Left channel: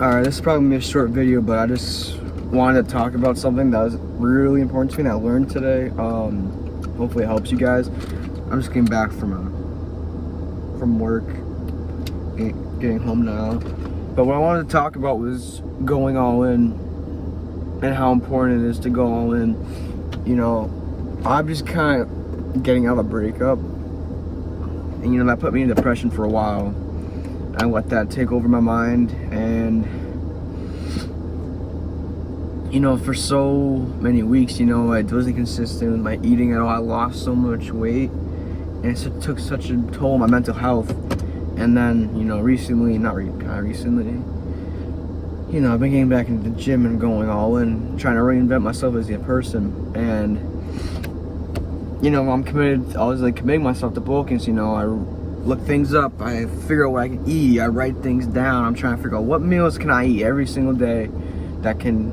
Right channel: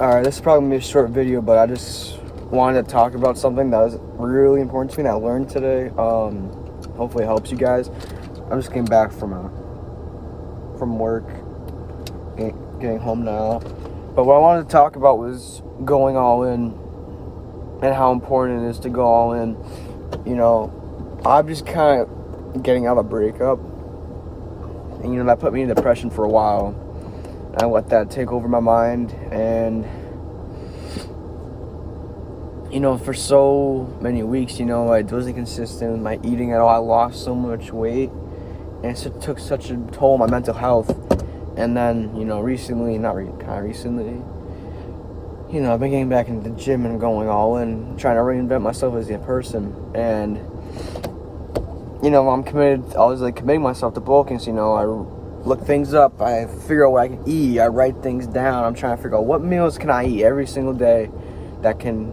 Alright, this is probably going to be a short video, but I just wanted to talk about something that was really important to me that I learned today. Hopefully it helps you guys. I just came back from work, getting home now. But what I wanted to talk about was going all in and how important it is to go all in. You know, I'm just kind of getting out of a breakup. And, you know, that put me in depression for a while. I let that take over my mind, and you know, for so many weeks, you know, I wasn't consistent with my eating at all. I lost so much weight, and it took such a toll on my mental health. And then, you know, recently, you know, I've been getting back into the gym and going all in, trying to reinvent myself as a person. And you know, I'm committed. I was like committing myself to bulking. So, you know, I look things up, I figure out what I can eat, I write things down. I'm trying to figure out what meals can I eat every single day that can,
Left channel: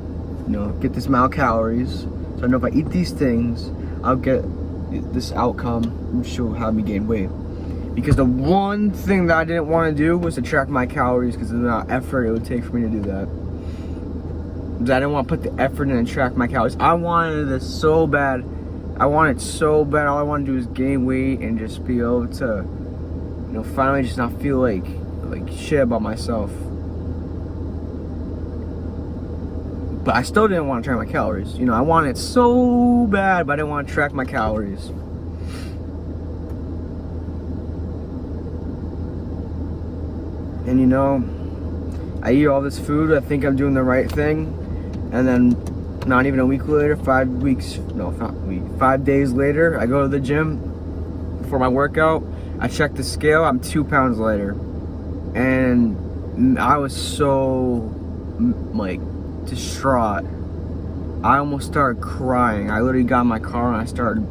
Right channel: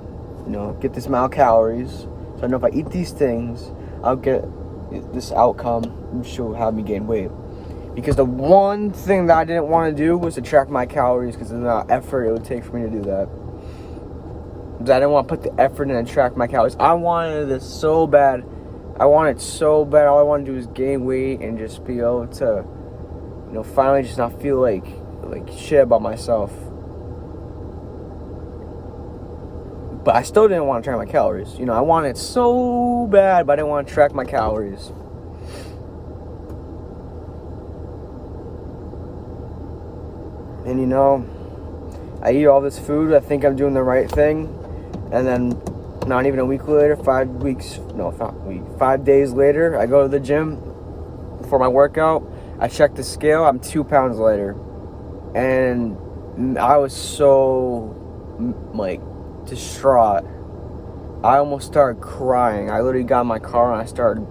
you know, get this amount of calories. So I know if I eat these things, I'll get this outcome, which will have me gain weight. Because the one thing that I didn't want to do was to track my calories, because of the amount of effort it would take for me to do that. Because I didn't want to put the effort in and track my calories. I wanted this so bad. All I want to do is gain weight and just be able to, you know, finally just not feel like shit about myself. But I still didn't want to track my calories. You know, I wanted it so bad, but I didn't want to track my calories. And you know, I eat all this food, I think I'm doing the right thing, and then not even a week later, 5 days later, I go to the gym for my workout. I check the scale, I'm 2 pounds lighter. And I was so, like, distraught. I almost started crying. I literally got in my car and I started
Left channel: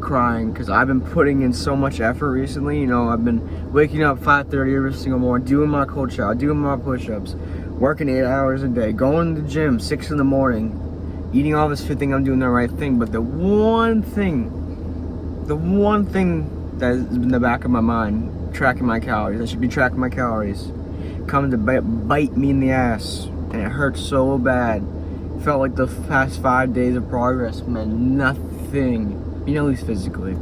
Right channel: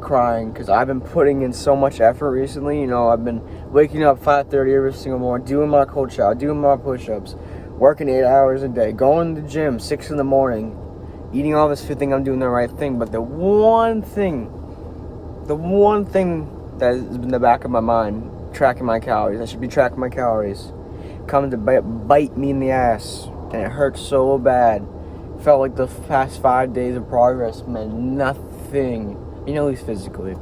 crying, because I've been putting in so much effort recently. You know, I've been waking up 5:30 every single morning, doing my cold shower, doing my push-ups, working 8 hours a day, going to the gym 6 in the morning, eating all this food, think I'm doing the right thing. But the one thing that has been in the back of my mind, tracking my calories, I should be tracking my calories, coming to bite me in the ass, and it hurt so bad. It felt like the past 5 days of progress meant nothing, you know, at least physically.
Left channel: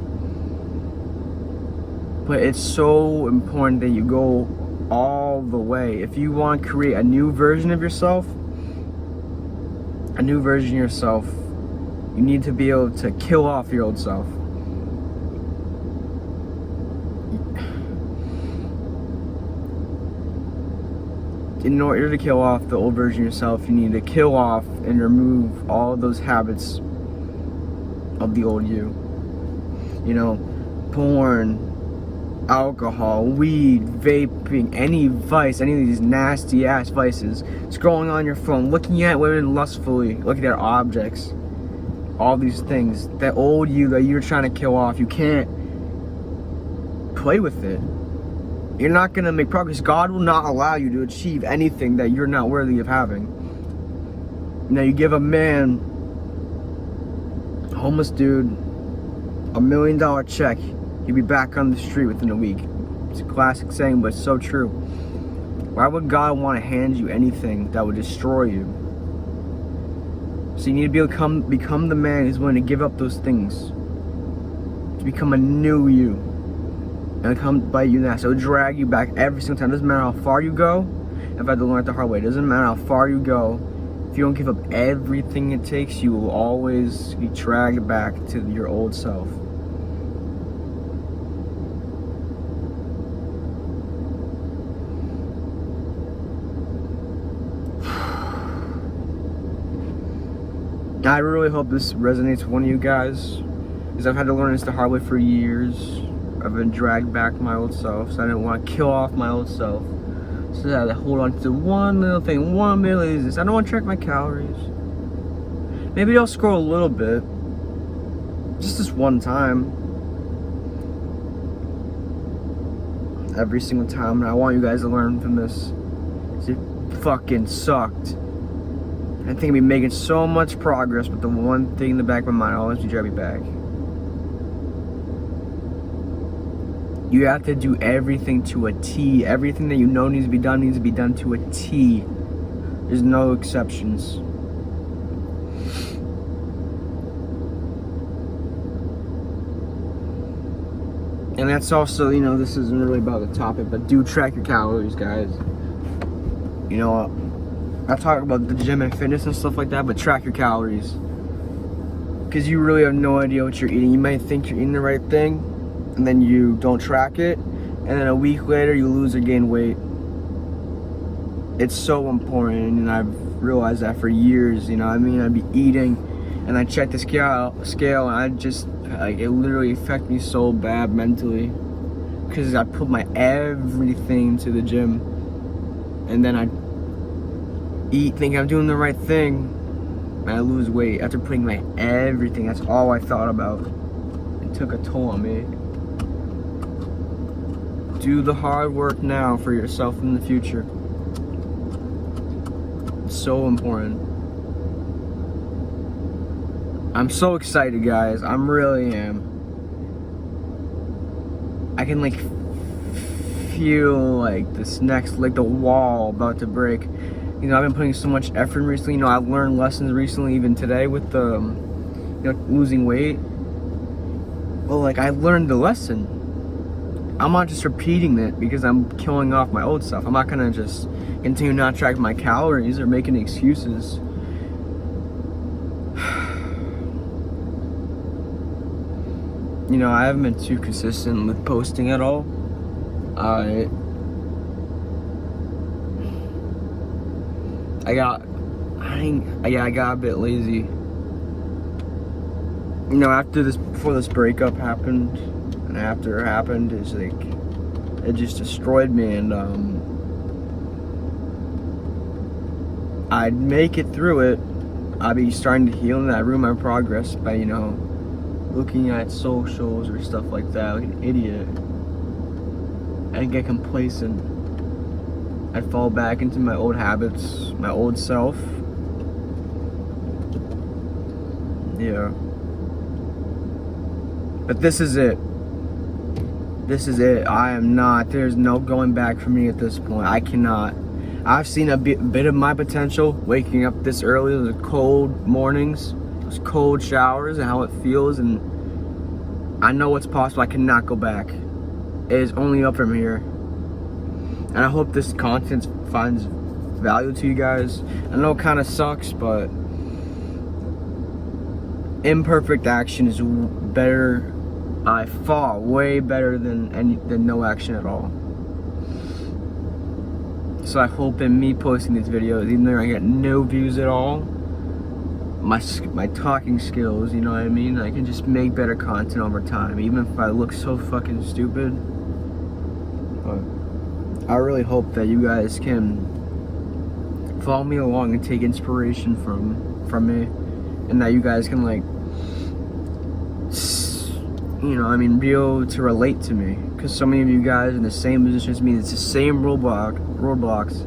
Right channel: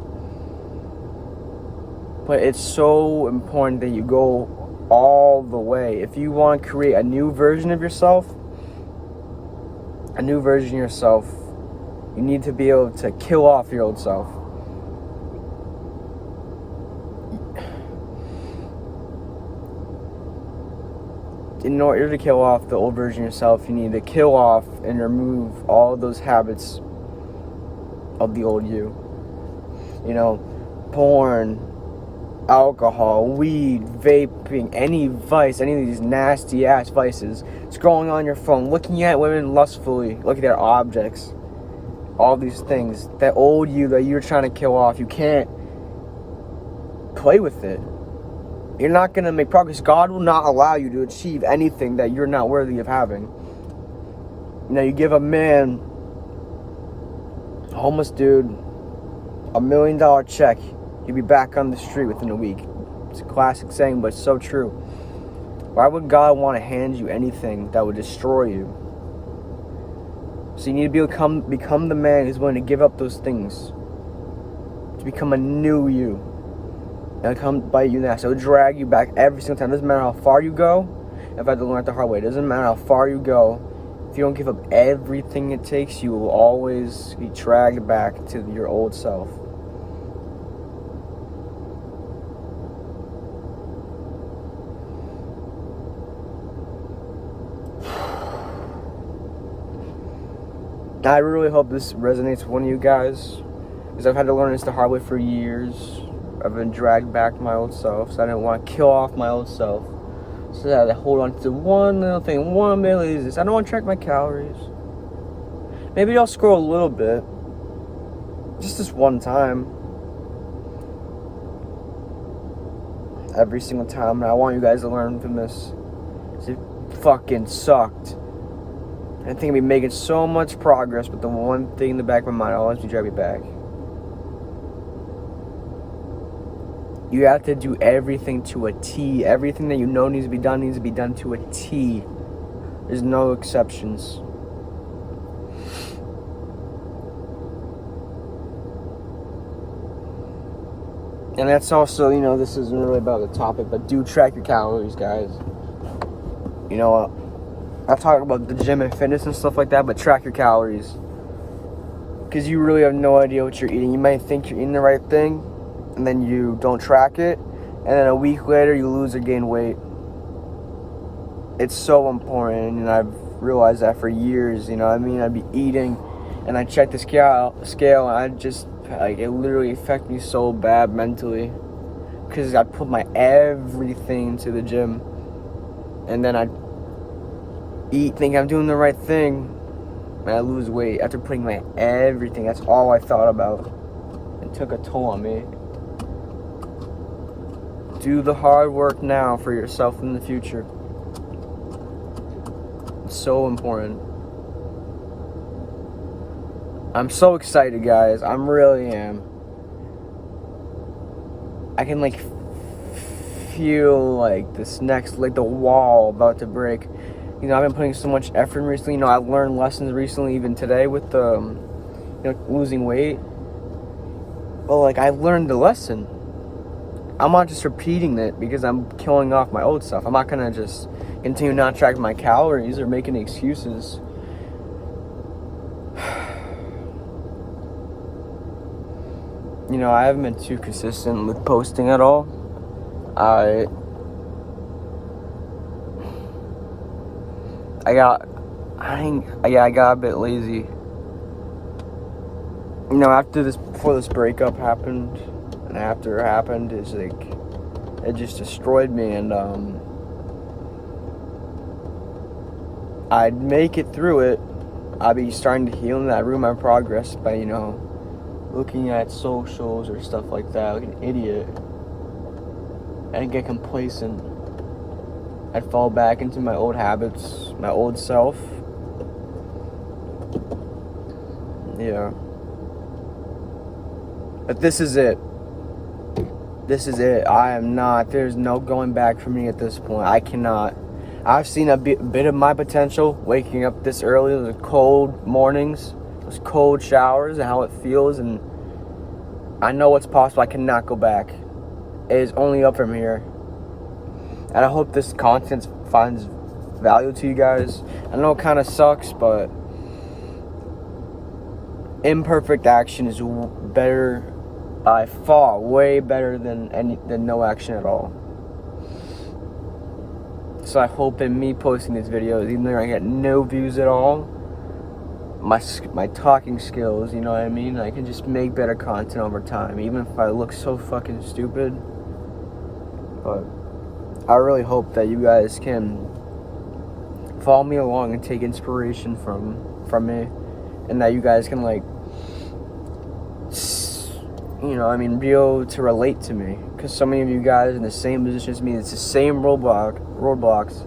But it's so important that you go all the way. If you want to create a new version of yourself, you need to be able to kill off your old self. In order to kill off the old version of yourself, you need to kill off and remove all those habits of the old you. You know, porn, alcohol, weed, vaping, any vice, any of these nasty ass vices, scrolling on your phone, looking at women lustfully, looking at their objects, all these things, that old you that you're trying to kill off, you can't play with it. You're not going to make progress. God will not allow you to achieve anything that you're not worthy of having. You know, you give a man, a homeless dude, $1 million check, he'll be back on the street within a week. It's a classic saying, but it's so true. Why would God want to hand you anything that would destroy you? So you need to be able to become the man who's willing to give up those things, to become a new you. And come bite you in the ass. It'll drag you back every single time. Doesn't matter how far you go. If I had to learn it the hard way, it doesn't matter how far you go. If you don't give up everything it takes, you will always be dragged back to your old self. I really hope this resonates with one of you guys, because I've had to learn this the hard way for years. I've been dragged back to my old self, so I didn't want to kill off my old self. So I had to hold on to one little thing, one little this. I don't want to track my calories. Maybe I'll scroll a little bit, just this one time, every single time. And I want you guys to learn from this. It fucking sucked. I think I'd be making so much progress, but the one thing in the back of my mind always be driving me back. You have to do everything to a T. Everything that you know needs to be done to a T. There's no exceptions. And that's also, you know, this isn't really about the topic, but do track your calories, guys. You know, I talk about the gym and fitness and stuff like that, but track your calories. Because you really have no idea what you're eating. You might think you're eating the right thing, and then you don't track it, and then a week later you lose or gain weight. It's so important, and I've realized that for years. You know, I mean, I'd be eating, and I check the scale, and I just, like, it literally affected me so bad mentally, because I put my everything into the gym, and then I eat, think I'm doing the right thing, and I lose weight after putting my everything. That's all I thought about. It took a toll on me. Do the hard work now for yourself in the future. It's so important. I'm so excited, guys. I really am. I can, like, feel like this next, like, the wall about to break. You know, I've been putting so much effort in recently. You know, I've learned lessons recently, even today with the, you know, losing weight. Well, like, I learned the lesson. I'm not just repeating it because I'm killing off my old stuff. I'm not gonna just continue not tracking my calories or making excuses. You know, I haven't been too consistent with posting at all. I got a bit lazy. You know, before this breakup happened, and after it happened, it's like, it just destroyed me, and I'd make it through it. I'd be starting to heal, and I'd ruin my progress by, you know, looking at socials or stuff like that like an idiot, and get complacent. I'd fall back into my old habits, my old self. Yeah. But this is it. This is it. There's no going back for me at this point. I cannot. I've seen a bit of my potential waking up this early, those cold mornings, those cold showers, and how it feels, and I know what's possible. I cannot go back. It is only up from here. And I hope this content finds value to you guys. I know it kind of sucks, but imperfect action is better, by far, way better than no action at all. So I hope in me posting these videos, even though I get no views at all, my talking skills, you know what I mean? I can just make better content over time, even if I look so fucking stupid. But I really hope that you guys can follow me along and take inspiration from me, and that you guys can, like, you know, I mean, be able to relate to me, because so many of you guys are in the same position as me. It's the same roadblocks.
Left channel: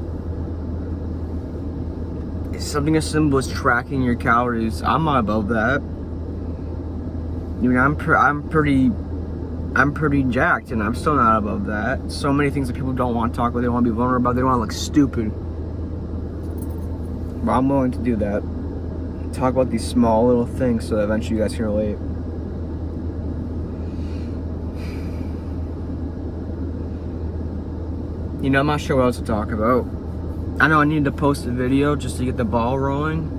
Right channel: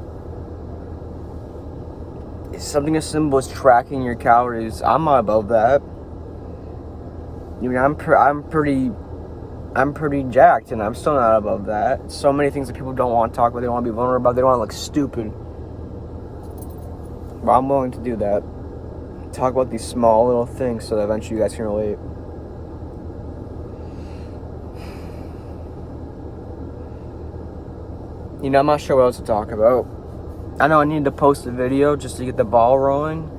It's something as simple as tracking your calories. I'm not about that. I mean, I'm pretty jacked, and I'm still not above that. So many things that people don't want to talk about, they don't want to be vulnerable about, they don't want to look stupid. But I'm willing to do that. Talk about these small little things so that eventually you guys can relate. You know, I'm not sure what else to talk about. I know I need to post a video just to get the ball rolling,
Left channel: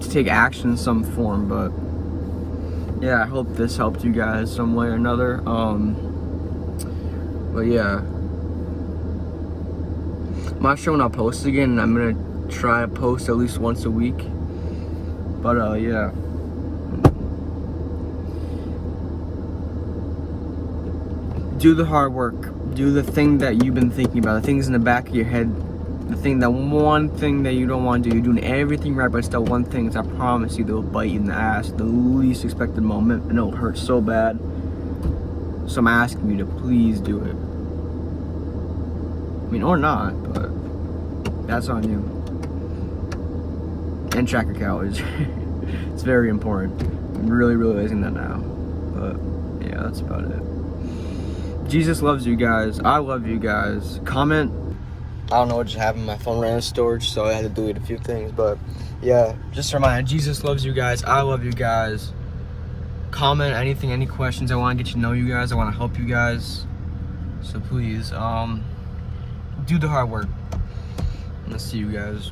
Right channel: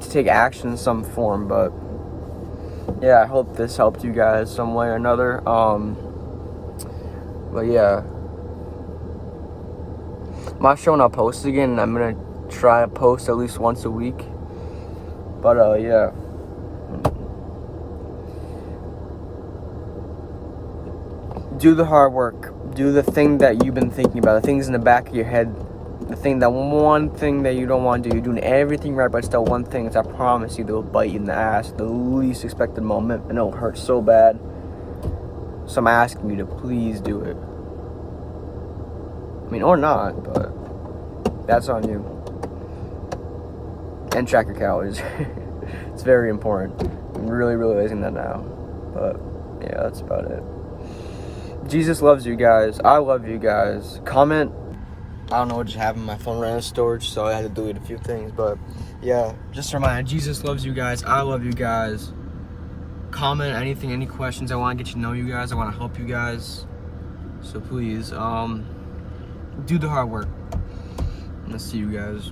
to take action in some form, but yeah, I hope this helped you guys some way or another. But yeah, I'm not sure when I'll post again. I'm gonna try to post at least once a week. But yeah. Do the hard work. Do the thing that you've been thinking about. The things in the back of your head. That one thing that you don't want to do. You're doing everything right, but still one thing is, I promise you, they'll bite you in the ass at the least expected moment, and it'll hurt so bad. So I'm asking you to please do it. I mean, or not, but that's on you. And track your calories. It's very important. I'm really realizing that now. But yeah, that's about it. Jesus loves you guys. I love you guys. Comment. I don't know what just happened. My phone ran out of storage, so I had to delete a few things. But yeah, just a reminder, Jesus loves you guys. I love you guys. Comment anything, any questions. I want to get to know you guys. I want to help you guys. So please, do the hard work. Let's see you guys.